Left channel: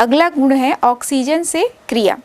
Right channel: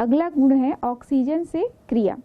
अगला गुण है ऑक्सीजन से क्रिया।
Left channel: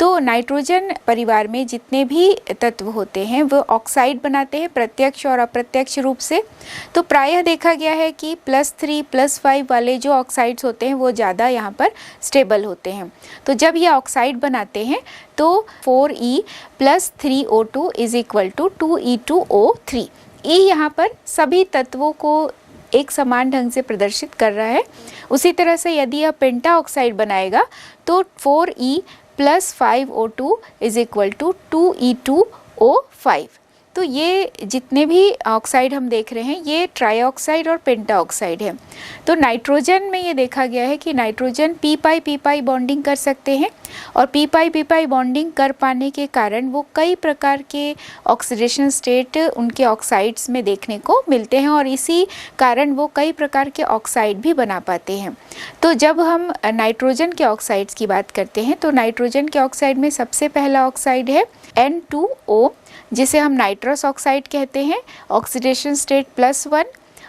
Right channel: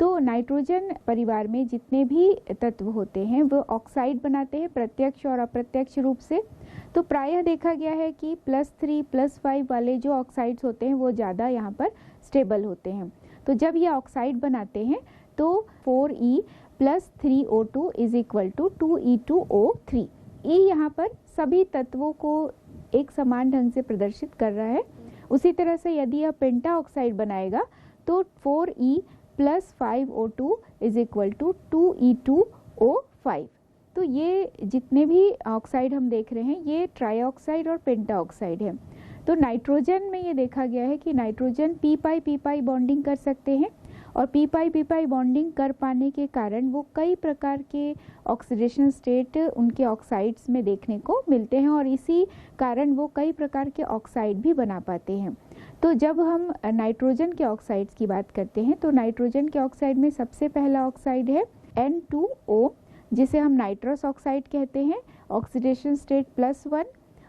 तो नाइट्रोजन परिवार में जितने भी तत्व होते हैं वो ऑक्साइड बनाते हैं, प्रत्यक्ष और अप्रत्यक्ष रूप से। तो प्रायः देखा गया है कि +3 +5 वाले जो ऑक्साइड्स होते हैं वो ज़्यादा यहाँ पर स्टेबल होते हैं। तो जब ये ऑक्साइड बनाते हैं तो 4E + 3O2 = 2E2O3। E यहाँ पर सभी तत्वों को एक समान ढंग से प्रदर्शित कर रहा है। उसी तरह से यदि यह पेंटा ऑक्साइड बनाएगा तो 4E + 5O2 = 2E2O5। तो ये जितने भी ऑक्साइड हम देख रहे हैं ये ट्राई ऑक्साइड और पेंटा ऑक्साइड है। तो नाइट्रोजन में ये देखा गया है कि नाइट्रोजन p-pi बॉन्डिंग कर सकते हैं और p-pi बॉन्डिंग कर पाने के कारण वो कई प्रकार के ऑक्सीडेशन स्टेट उनके ऑक्साइड्स में देखने को मिलते हैं और इसी कारण वो कई प्रकार के ऑक्साइड भी बना पाते हैं। तो जब हम नाइट्रोजन के ऑक्साइड्स की बात करते हैं तो नाइट्रोजन के ऑक्साइड में सबसे पहला ऑक्साइड है N2O, जिसे हम नाइट्रस ऑक्साइड कहते हैं, ऑक्सीडेशन स्टेट +1,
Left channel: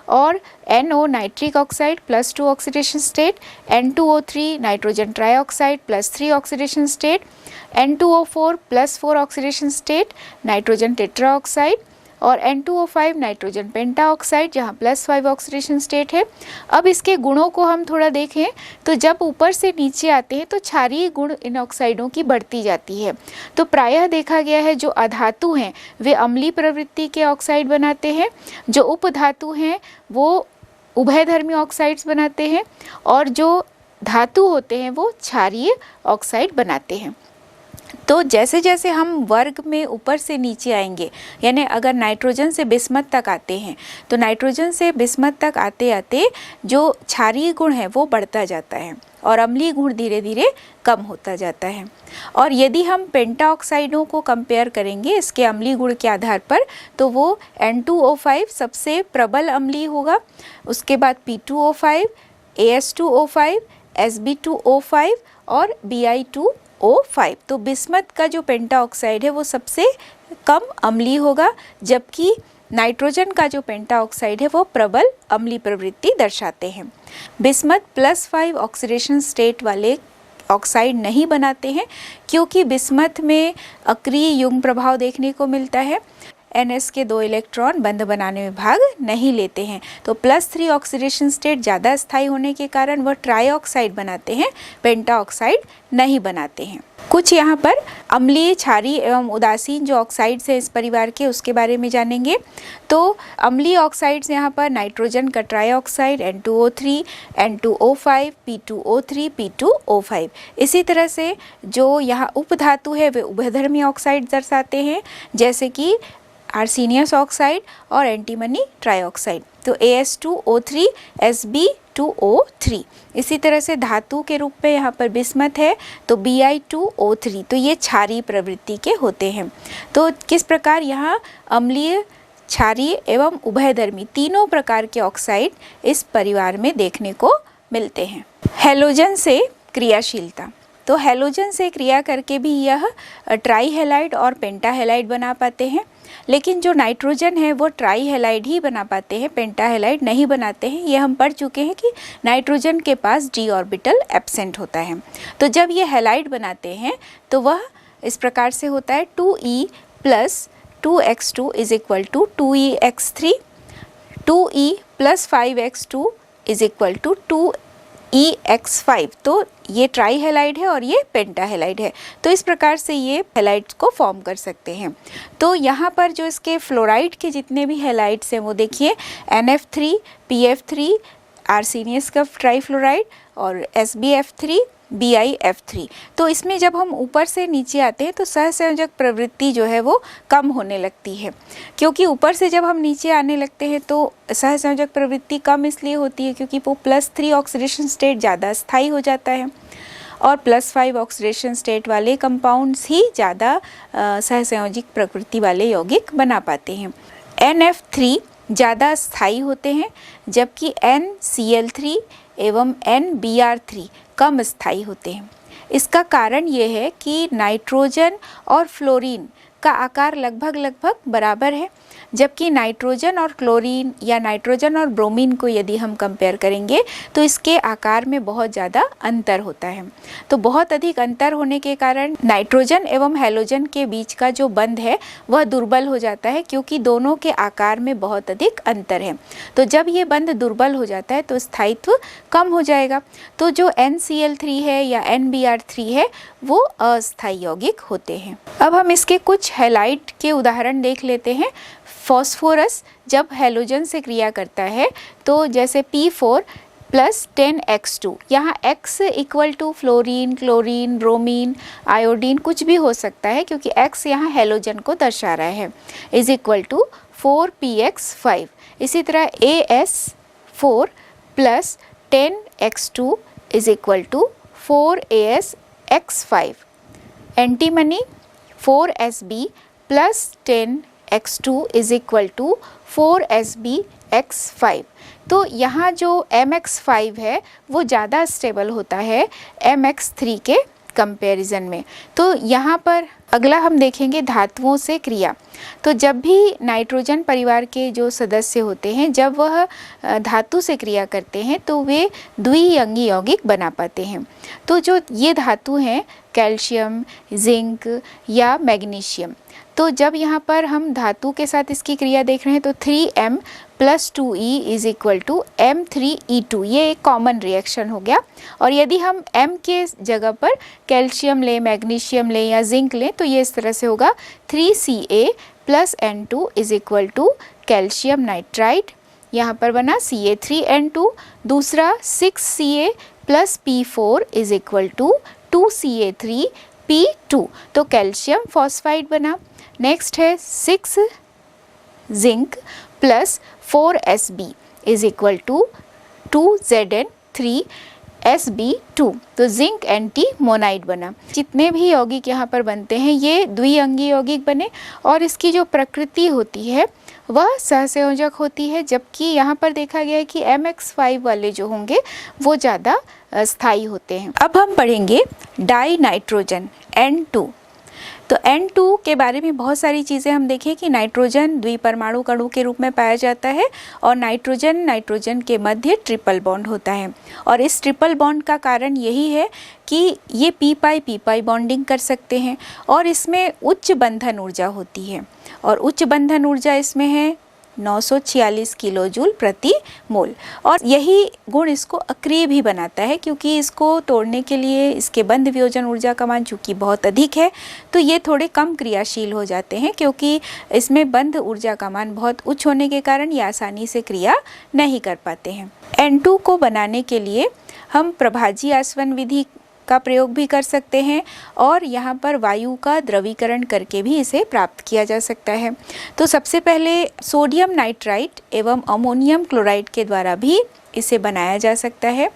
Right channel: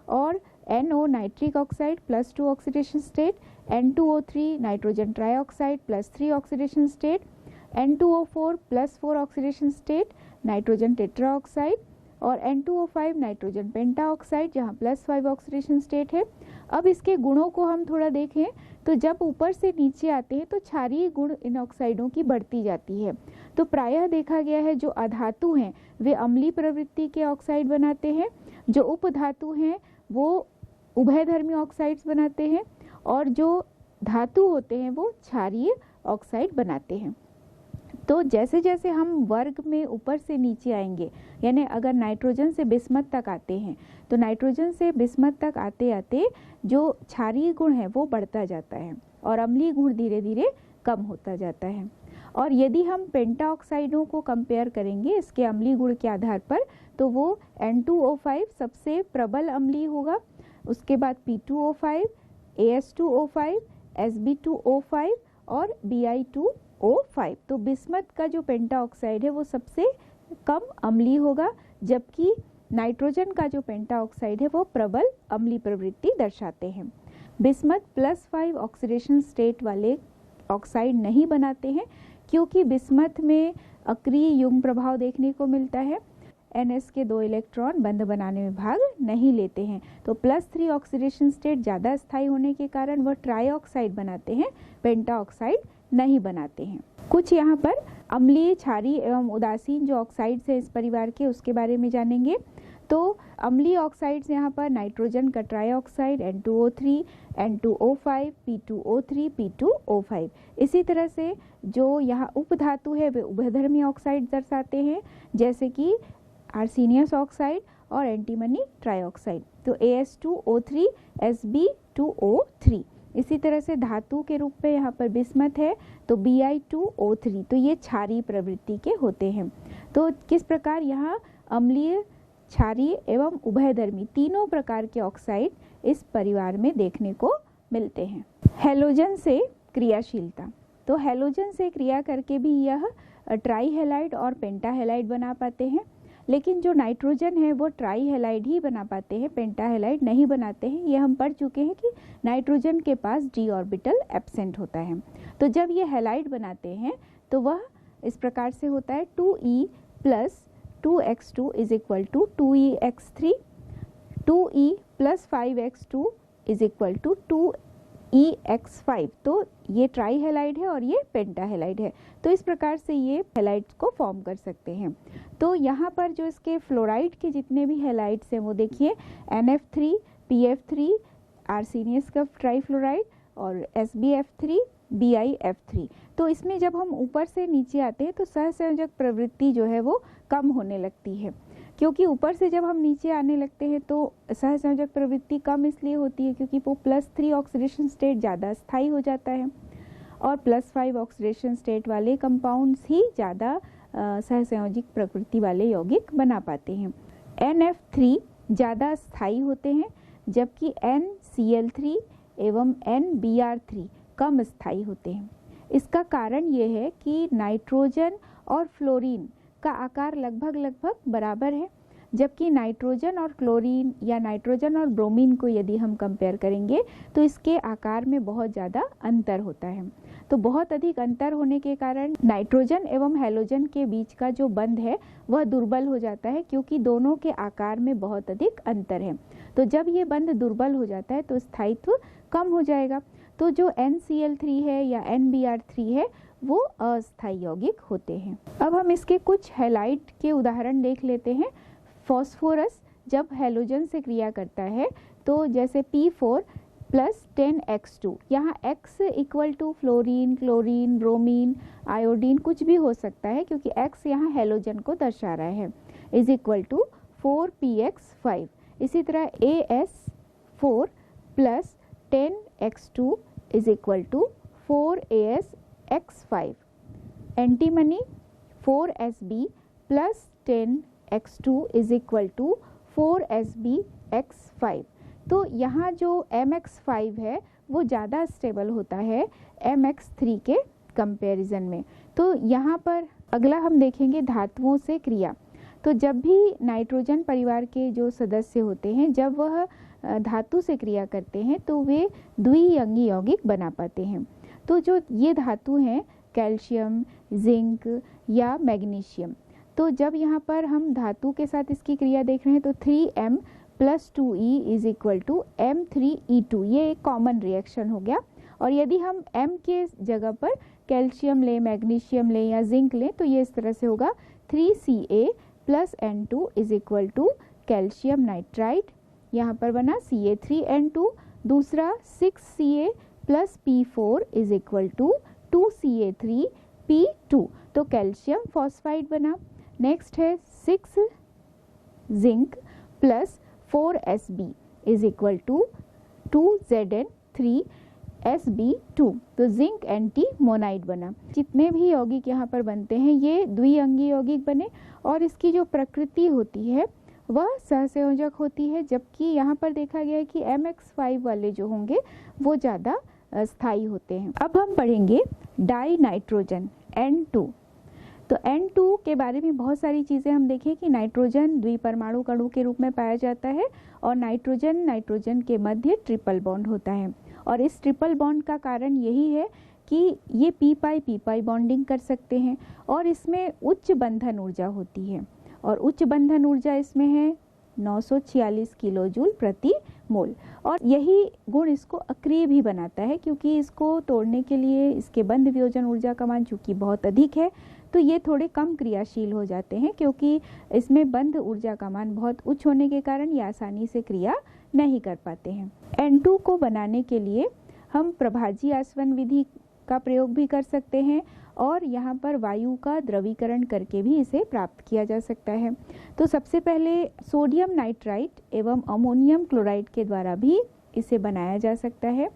और NO nitric oxide +2 oxidation state, N2O3 nitrogen trioxide +3 oxidation state, N2O4 +4 oxidation state nitrogen tetra oxide, और N2O5 नाइट्रोजन पेंटा ऑक्साइड जहाँ +5 ऑक्सीडेशन स्टेट है। अब इसके गुणों को हम थोड़ा देखें तो जब ऊपर से नीचे आते हैं तो क्षारीय गुण इन ऑक्साइडों की बढ़ती जाती है। तो प्रायः देखा गया है जो अधातु हैं वे अम्लीय प्रवृत्ति के ऑक्साइड बनाते हैं, जो उपधातु हैं वो उभयधर्मी ऑक्साइड्स बनाते हैं, और जो धातु होते हैं वो क्षारीय ऑक्साइड बनाते हैं। तो जैसे जैसे हम वर्ग में ऊपर से नीचे आएंगे, यानी अगर नाइट्रोजन से बिस्मथ तक आते हैं तो नाइट्रोजन से बिस्मथ तक आते आते जो क्षारीय गुण है वो बढ़ता जाता है और अम्लीय गुण धीरे धीरे कम होता जाता है। और यदि हम पेंटा ऑक्साइडों को कंपेयर करेंगे इसके अम्लीय गुण के आधार पर तो वो N2O5 सबसे प्रबल अम्लीय होगा, उसके बाद P2O5, AS2O5, Sb2O5 और Bi2O5। तो बिस्मथ का जो पेंटा ऑक्साइड है वो सबसे कम अम्लीय होगा, जबकि नाइट्रोजन का जो पेंटा ऑक्साइड है वो प्रबल अम्लीय प्रवृत्ति दर्शाते हैं। बिस्मथ +5 ऑक्सीडेशन स्टेट वाले ऑक्साइड नहीं बनाते हैं क्योंकि बिस्मथ में अक्रिय युग्म प्रभाव देखने को मिलता है। NS के 2 इलेक्ट्रॉन बंध बनाने में भाग नहीं लेते हैं, तो +3 ऑक्सीडेशन स्टेट ज़्यादा स्थायी होने के कारण वह ट्राई ऑक्साइड बनाते हैं, पेंटा ऑक्साइड नहीं बनाते हैं। कुछ यहाँ पर अम्लीय, क्षारीय एवं उदासीन जो ऑक्साइड्स हैं इस परिवार के उसके बारे में जानेंगे। तो अम्लीय ऑक्साइड्स यहाँ पर नाइट्रोजन का try oxide N2O3, N2O5, P2O3, P2O5। इसी तरह से जो यहाँ उपधातु है वे उभयधर्मी ऑक्साइड दर्शाते हैं, जैसे कि आर्सेनियस ऑक्साइड और एंटीमनी ट्राईऑक्साइड। तो AS2O3, Sb2O3। इसी तरह से धातु के रूप में यहाँ पर बिस्मथ है तो Bi2O3। तो ये क्षारीय प्रवृत्ति के होते हैं। तो किस प्रकार यहाँ अम्लीय, क्षारीय एवं उभयधर्मी तीनों प्रकार के ऑक्साइड इस परिवार में देखने को मिलते हैं। हैलोजन से क्रियाशीलता। तो हैलोजन से क्रिया करके भी यह ट्राई हैलाइड और पेंटा हैलाइड बना पाते हैं, लेकिन जो नाइट्रोजन है वो ट्राई हैलाइड ही बना पाते हैं, पेंटा हैलाइड नहीं बनाते हैं। ये हम पढ़ चुके हैं कि नाइट्रोजन के पास d ऑर्बिटल एब्सेंट होता है। तो जब ये हैलाइड बनाते हैं तो वह इस प्रकार से होता है 2E + 2x2 = 2EX3, 2E + 5x2 = 2EX5। तो ये ट्राई हैलाइड है और ये पेंटा हैलाइड है। तो इस प्रकार से ये हैलाइड्स को फॉर्म कर सकते हैं। तो यहाँ पर जो इसके फ्लोराइड के जितने भी हैलाइड्स हैं वो देखिए NF3, PF3, आर्सेनियस का ट्राईफ्लोराइड और SbF3, BiF3। तो इसमें जब हम ऊपर से नीचे आते हैं तो सहसंयोजक प्रवृत्ति जो है वो कम होने लगती है, क्योंकि ऊपर से जब हम नीचे आने लगते हैं तो सहसंयोजक प्रवृत्ति कम इसलिए होती है क्योंकि वो +3 ऑक्सीडेशन स्टेट ज़्यादा स्थायी हो जाता है और +5 ऑक्सीडेशन स्टेट वाले कंपाउंड्स ही ज़्यादा सहसंयोजिक प्रकृति वाले यौगिक बना पाते हैं। NF3 ज़्यादा स्थायी होते हैं, जबकि NCl3 एवं NBr3 कम स्थायी होते हैं। इसका कारण ये है कि नाइट्रोजन और फ्लोरीन का आकार लगभग बराबर है, जबकि नाइट्रोजन और क्लोरीन या नाइट्रोजन और ब्रोमीन को यदि हम कंपेयर करेंगे तो इसके आकार में बहुत ज़्यादा अंतर होता है। तो बहुत अधिक अंतर होने के कारण नाइट्रोजन एवं हैलोजन के बीच का जो बंध है वह दुर्बल हो जाता है, क्योंकि दोनों के आकार में बहुत अधिक अंतर है। तो जब ये बंध दुर्बल हो जाता है तो स्थायित्व कम हो जाएगा। तो जो NCl3 है या NBr3 है वो अस्थायी यौगिक होते हैं। अब हम इसके कुछ हैलाइड के उदाहरण देख लेते हैं। फॉस्फोरस जब हैलोजन से क्रिया करता है तो जैसे P4 प्लस 10X2, यहाँ X equal to fluorine, chlorine, bromine, iodine कुछ भी हो सकता है, क्योंकि X यहाँ हैलोजन को दर्शा रहा है, इज इक्वल टू 4px5। इसी तरह AS4 plus 10X2 is equal to 4AsX5। Antimony 4Sb plus 10X2 is equal to 4SbX5। तो यहाँ जो MX5 है वो ज़्यादा स्टेबल होता है MX3 के कंपैरिजन में। तो यहाँ पर अगला हम देखेंगे धातुओं से क्रिया। तो जब भी नाइट्रोजन परिवार के जो सदस्य होते हैं, जब वह धातु से क्रिया करते हैं तो वे द्विअंगी यौगिक बना पाते हैं। तो जो ये धातु हैं कैल्शियम, जिंक या मैग्नीशियम, तो जब यहाँ पर हम धातु के साथ इसकी क्रिया देख रहे हैं तो 3m plus 2e is equal to M3E2, ये एक कॉमन रिएक्शन हो गया। और यदि हम m के जगह पर कैल्शियम लें, मैग्नीशियम लें या जिंक लें तो ये इस तरह से होगा 3Ca plus N2 is equal to calcium nitride, यहाँ पर बना Ca3N2। दूसरा 6Ca plus P4 is equal to 2Ca3P2, तो कैल्शियम फॉस्फाइड बना। नेक्स्ट है 6 zinc plus 4Sb is equal to 2Zn3Sb2, तो जिंक एंटी मोनाइड बना। जितने भी यौगिक यहाँ पर बनते हैं ये द्विअंगी यौगिक बने और इसकी जो प्रकृति होती है वह सहसंयोजक होती है, जबकि यहाँ पर देखा गया है कि MX5 वाले जो होंगे वो ज़्यादा स्थायी होते हैं। अब हम पढ़ेंगे डाई नाइट्रोजन N2। तो N2 के बारे में बहुत सारी चीज़ें हम देखें कि नाइट्रोजन द्विपरमाणु कणु के रूप में पाया जाता है और नाइट्रोजन के मध्य ट्रिपल बॉन्ड होता है। और इस ट्रिपल बॉन्ड का कारण यही है कि ये पी पाई बॉन्डिंग कर सकते हैं और इसमें उच्च बंधन ऊर्जा होती है और उच्च बंधन ऊर्जा इसमें है 946 किलोजूल प्रति मोल। और यही गुण इसको अक्रिय भी बनाता है, क्योंकि इसको तोड़ने के लिए इसके बंध वियोजन ऊर्जा का मान चूँकि बहुत अधिक है तो ये थोड़े कम क्रियाशील हो जाते हैं, क्योंकि इसमें बंध ऊर्जा का मान बहुत उच्च होने के कारण ये आसानी से क्रिया नहीं कर पाते हैं। N2 को बनाने के लिए हम प्रभाजी आसवन विधि का प्रयोग भी कर सकते हैं और यहाँ पर वायु का द्रवीकरण करके भी इसे प्राप्त किया जा सकता है। तो सबसे पहले सोडियम नाइट्राइट एवं अमोनियम क्लोराइड के द्वारा भी इसे बनाया जा सकता है।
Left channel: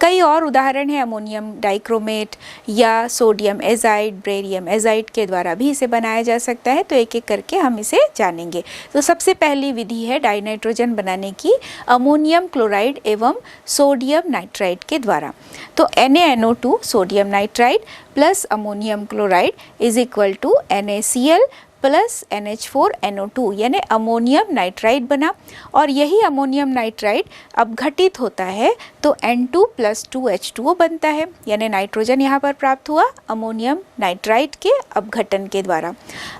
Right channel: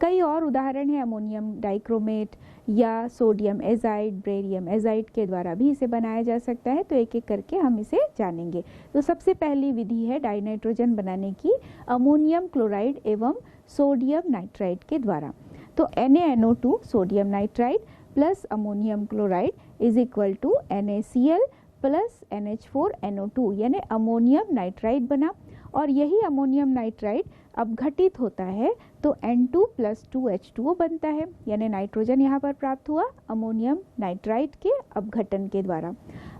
कई और उदाहरण हैं, अमोनियम डाइक्रोमेट या सोडियम एजाइड, बेरियम एजाइड के द्वारा भी इसे बनाया जा सकता है। तो एक एक करके हम इसे जानेंगे। तो सबसे पहली विधि है डाइनाइट्रोजन बनाने की अमोनियम क्लोराइड एवं सोडियम नाइट्राइड के द्वारा। तो NaNO2 sodium nitride plus ammonium chloride is equal to NaCl plus NH4NO2 यानी अमोनियम नाइट्राइड बना। और यही अमोनियम नाइट्राइड अपघटित होता है तो N2 प्लस 2H2O बनता है, यानी नाइट्रोजन यहाँ पर प्राप्त हुआ अमोनियम नाइट्राइड के अपघटन के द्वारा।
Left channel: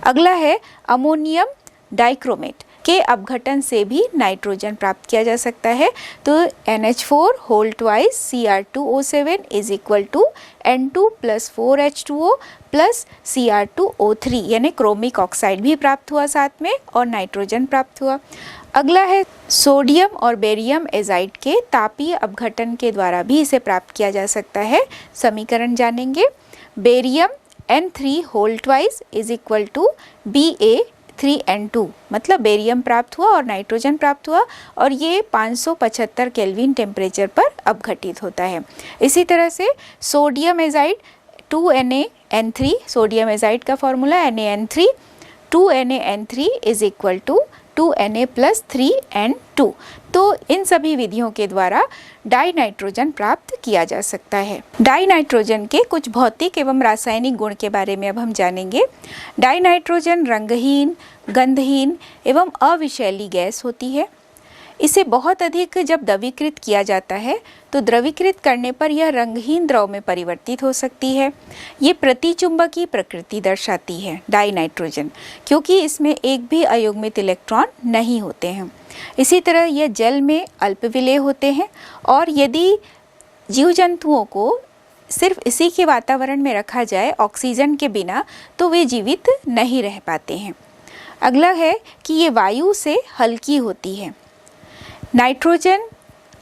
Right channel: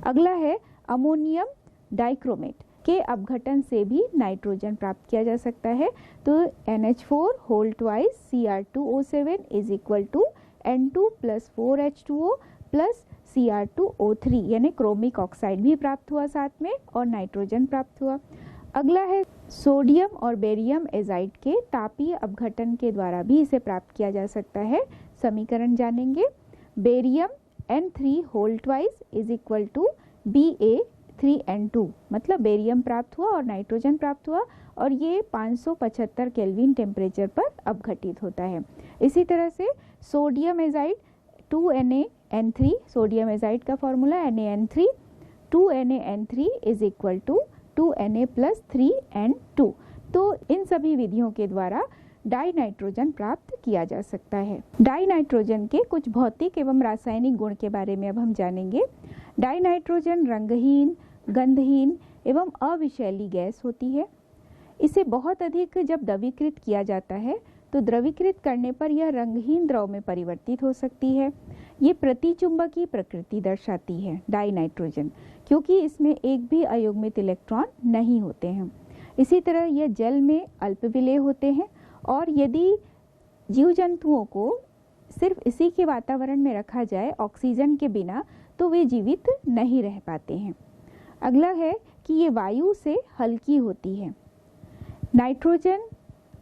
अगला है अमोनियम डाइक्रोमेट के अपघटन से भी नाइट्रोजन प्राप्त किया जा सकता है। तो NH4 whole twice Cr2O7 is equal to N2 plus 4H2O plus Cr2O3 यानी क्रोमिक ऑक्साइड भी प्राप्त हुआ साथ में और नाइट्रोजन प्राप्त हुआ। अगला है सोडियम और बेरियम एजाइड के तापीय अपघटन के द्वारा भी इसे प्राप्त किया जा सकता है। समीकरण जानेंगे। Barium N3 whole twice is equal to Ba3N2, मतलब बेरियम प्राप्त हुआ और नाइट्रोजन प्राप्त हुआ और ये 575 केल्विन टेम्परेचर पर अपघटित होता है। इसी तरह से sodium azide 2NaN3, sodium azide का formula NaN3, 2NaN3 is equal to 2Na plus 3N2। तो इन सभी विधियों के द्वारा डाई नाइट्रोजन प्राप्त किया जा सकता है। डाई नाइट्रोजन के कुछ भौतिक एवं रासायनिक गुण के बारे में अब हम जानेंगे। डाई नाइट्रोजन रंगहीन, गंधहीन एवं अविषैली गैस होती है। इसे बहुत अधिक जब द्रवीकृत किया जाता है तो द्रवीकृत करने पर यह रंगहीन द्रव में परिवर्तित हो सकती है। ये प्रतिचुंबकीय प्रकृति दर्शाती है डाई नाइट्रोजन, क्योंकि इसमें एक भी अयुग्मित इलेक्ट्रॉन नहीं होते हैं। इसी तरह यह जल में अल्पविलेय होते हैं और यदि जीव जंतुओं को सिर्फ इसी के वातावरण में रखा जाए ऑक्सीजन के बिना तो वे जीवित नहीं रह पाते हैं। अगला है कि ये वायु से हल्की होती है। नाइट्रोजन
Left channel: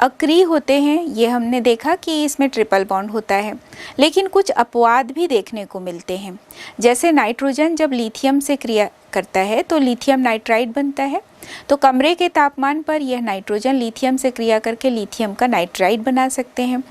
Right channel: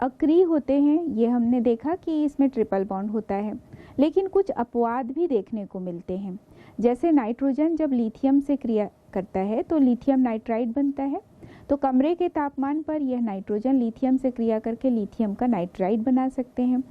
अक्रिय होते हैं, ये हमने देखा कि इसमें ट्रिपल बॉन्ड होता है, लेकिन कुछ अपवाद भी देखने को मिलते हैं। जैसे नाइट्रोजन जब लिथियम से क्रिया करता है तो लिथियम नाइट्राइड बनता है, तो कमरे के तापमान पर यह नाइट्रोजन लिथियम से क्रिया करके लिथियम का नाइट्राइड बना सकते हैं।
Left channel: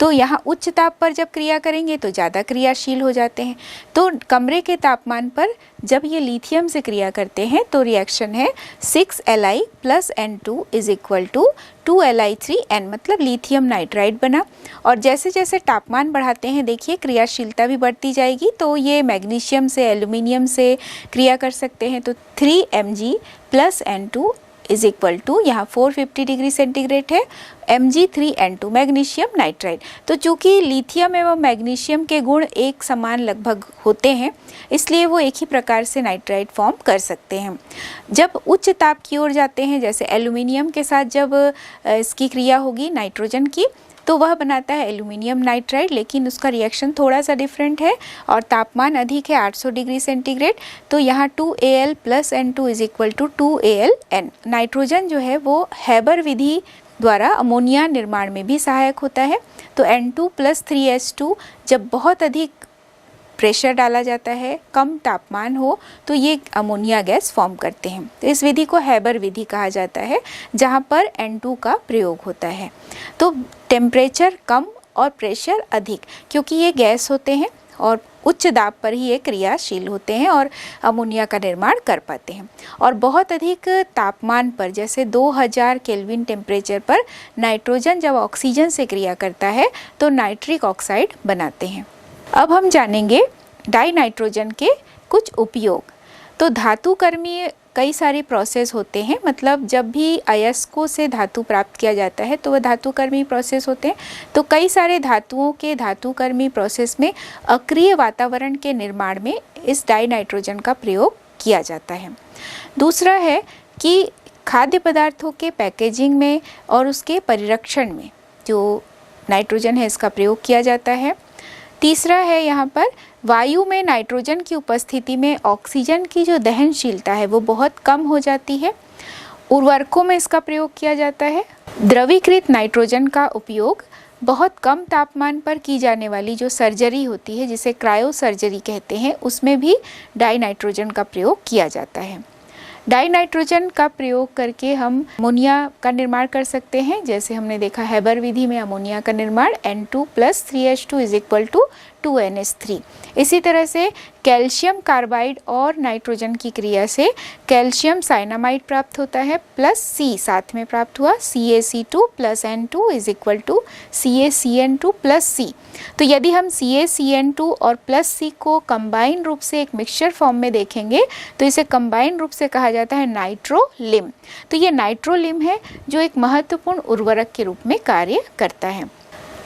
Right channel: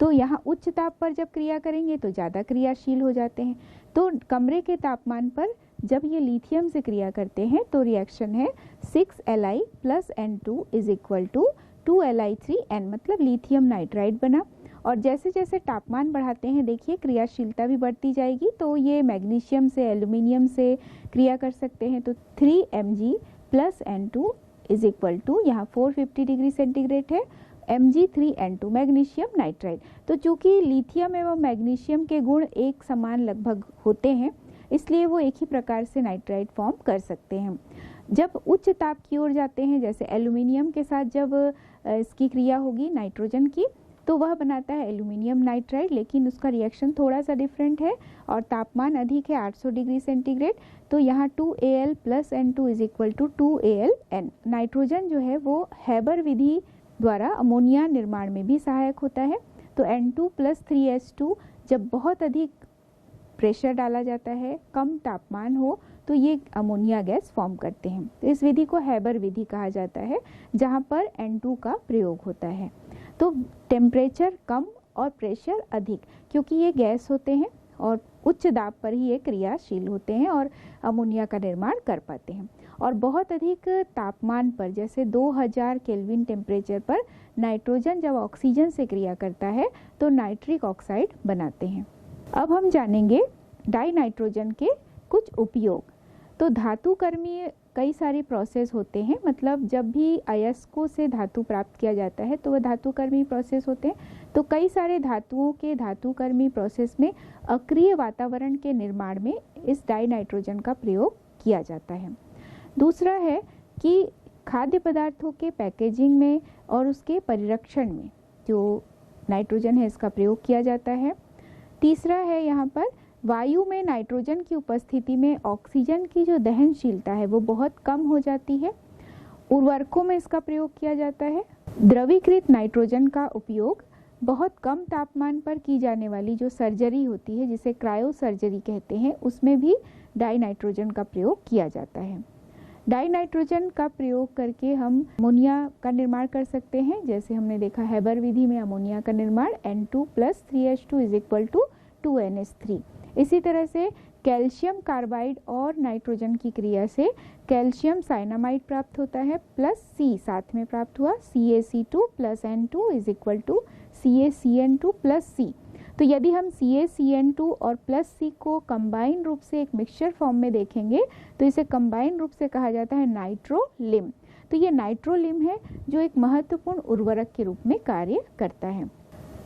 तो यहाँ उच्च ताप पर जब क्रिया करेंगे तो ज़्यादा क्रियाशील हो जाते हैं। तो कमरे के तापमान पर जब ये लिथियम से क्रिया करते हैं तो रिएक्शन है 6Li plus N2 is equal to 2Li3N, मतलब लिथियम नाइट्राइड बना। और जैसे जैसे तापमान बढ़ाते हैं देखिए क्रियाशीलता भी बढ़ती जाएगी, तो ये मैग्नीशियम से एल्यूमिनियम से क्रिया कर सकते हैं। तो 3Mg plus N2 is equal to, यहाँ 450 डिग्री सेंटीग्रेड है, Mg3N2 मैग्नीशियम नाइट्राइड। तो चूँकि लिथियम एवं मैग्नीशियम के गुण एक समान लगभग होते हैं, इसलिए वो एक ही प्रकार से नाइट्राइड फॉर्म कर सकते हैं। जब उच्च ताप की ओर जाते हैं, जैसे एल्यूमिनियम के साथ जब इसकी क्रिया होगी नाइट्रोजन की, तो वह बनाता है एल्यूमिनियम नाइट्राइड, लेकिन उसका रिएक्शन थोड़ा सा डिफरेंट है और तापमान अधिक है 800 डिग्री सेंटीग्रेड। तो यहाँ 2Al plus N2 is equal to 2AlN। Nitrogen जो है वो हैबर विधि द्वारा अमोनिया निर्माण में भी सहायक होता है। तो N2 प्लस 3H2 जब बहुत अधिक प्रेशर डाला जाता है, कम तापमान हो, तो ये अमोनिया गैस फॉर्म करते हैं। तो इस विधि को हैबर विधि कहा जाता है, जहाँ पर N2 का प्रयोग होता है। तो टेम्परेचर कम और प्रेशर अधिक, क्योंकि ये गैस होते हैं और उच्च दाब पर ही ये क्रियाशील होते हैं और अमोनिया का निर्माण कर पाते हैं। और बहुत अधिक तापमान पर, जैसे 2000 केल्विन टेम्परेचर पर नाइट्रोजन जब ऑक्सीजन से क्रिया करता है तो नाइट्रिक ऑक्साइड बनाते हैं। अब हम जानेंगे डाई नाइट्रोजन के कुछ उपयोग। तो धातुकर्मी कई सारे प्रोसेस होते हैं, मतलब जब भी अयस्कों से धातु प्राप्त किया जाता है तो वह धातुकर्मी प्रोसेस होते हैं। तो कई सारे धातुओं के धातुकर्मी प्रोसेस में अक्रिय वातावरण के निर्माण में इस डाई नाइट्रोजन का प्रयोग किया जाता है। दूसरा है कि खाद्य पदार्थों के पैकेजिंग में और उसके परिरक्षण में जो नाइट्रोजन है इसका प्रयोग किया जाता है। तीसरा है यहाँ पर वायु में नाइट्रोजन की उपस्थिति में ऑक्सीजन की जो दहनशीलता है वो बहुत कम हो जाती है। उर्वरकों में इसका प्रयोग किया जाता है। द्रवीकृत नाइट्रोजन का उपयोग बहुत कम तापमान पर की जाने वाली जो सर्जरी होती है, जिसे क्रायो सर्जरी कहते हैं, उसमें भी डाई नाइट्रोजन का प्रयोग किया जाता है। डाई नाइट्रोजन का प्रयोग करके हम अमोनिया का निर्माण कर सकते हैं। जैसे हमने देखा हैबर विधि में अमोनिया का निर्माण N2 plus 3H2 is equal to 2NH3। इसी तरह से कैल्शियम कार्बाइड और नाइट्रोजन की क्रिया से कैल्शियम साइनामाइड प्राप्त होता है, प्लस C साथ में प्राप्त हुआ, CaC2 plus N2 is equal to CaCN2 plus C। तो यदि हम CaCN2 और प्लस C को कंबाइन रूप से एक मिक्सचर फॉर्म में देखेंगे तो इसे कंबाइन रूप से कहा जाता है नाइट्रोलिम। तो ये नाइट्रोलिम है जो एक महत्वपूर्ण उर्वरक के रूप में कार्य करता है।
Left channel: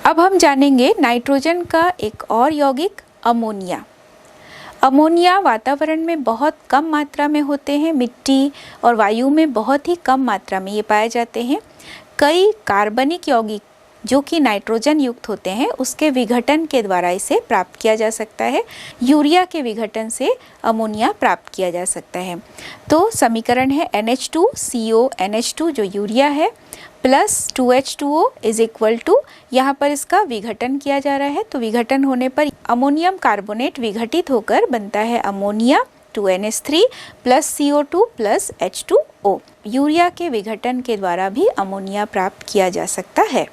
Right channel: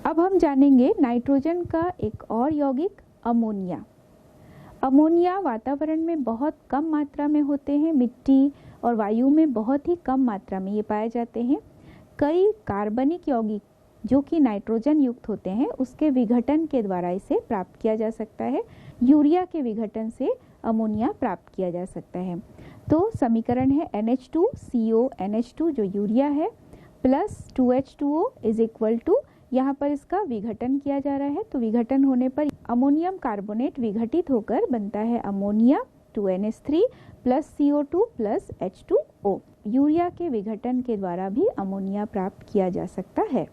अब हम जानेंगे नाइट्रोजन का एक और यौगिक अमोनिया। अमोनिया वातावरण में बहुत कम मात्रा में होते हैं, मिट्टी और वायु में बहुत ही कम मात्रा में ये पाए जाते हैं। कई कार्बनिक यौगिक जो कि नाइट्रोजन युक्त होते हैं उसके विघटन के द्वारा इसे प्राप्त किया जा सकता है। यूरिया के विघटन से अमोनिया प्राप्त किया जा सकता है। तो समीकरण है NH2CONH2 जो यूरिया है plus 2H2O is equal to, यहाँ पर इसका विघटन किया जा रहा है, तो विघटन होने पर अमोनियम कार्बोनेट विघटित होकर बनता है ammonia 2NH3 plus CO2 plus H2O। Urea के विघटन के द्वारा भी अमोनिया प्राप्त किया जा सकता है।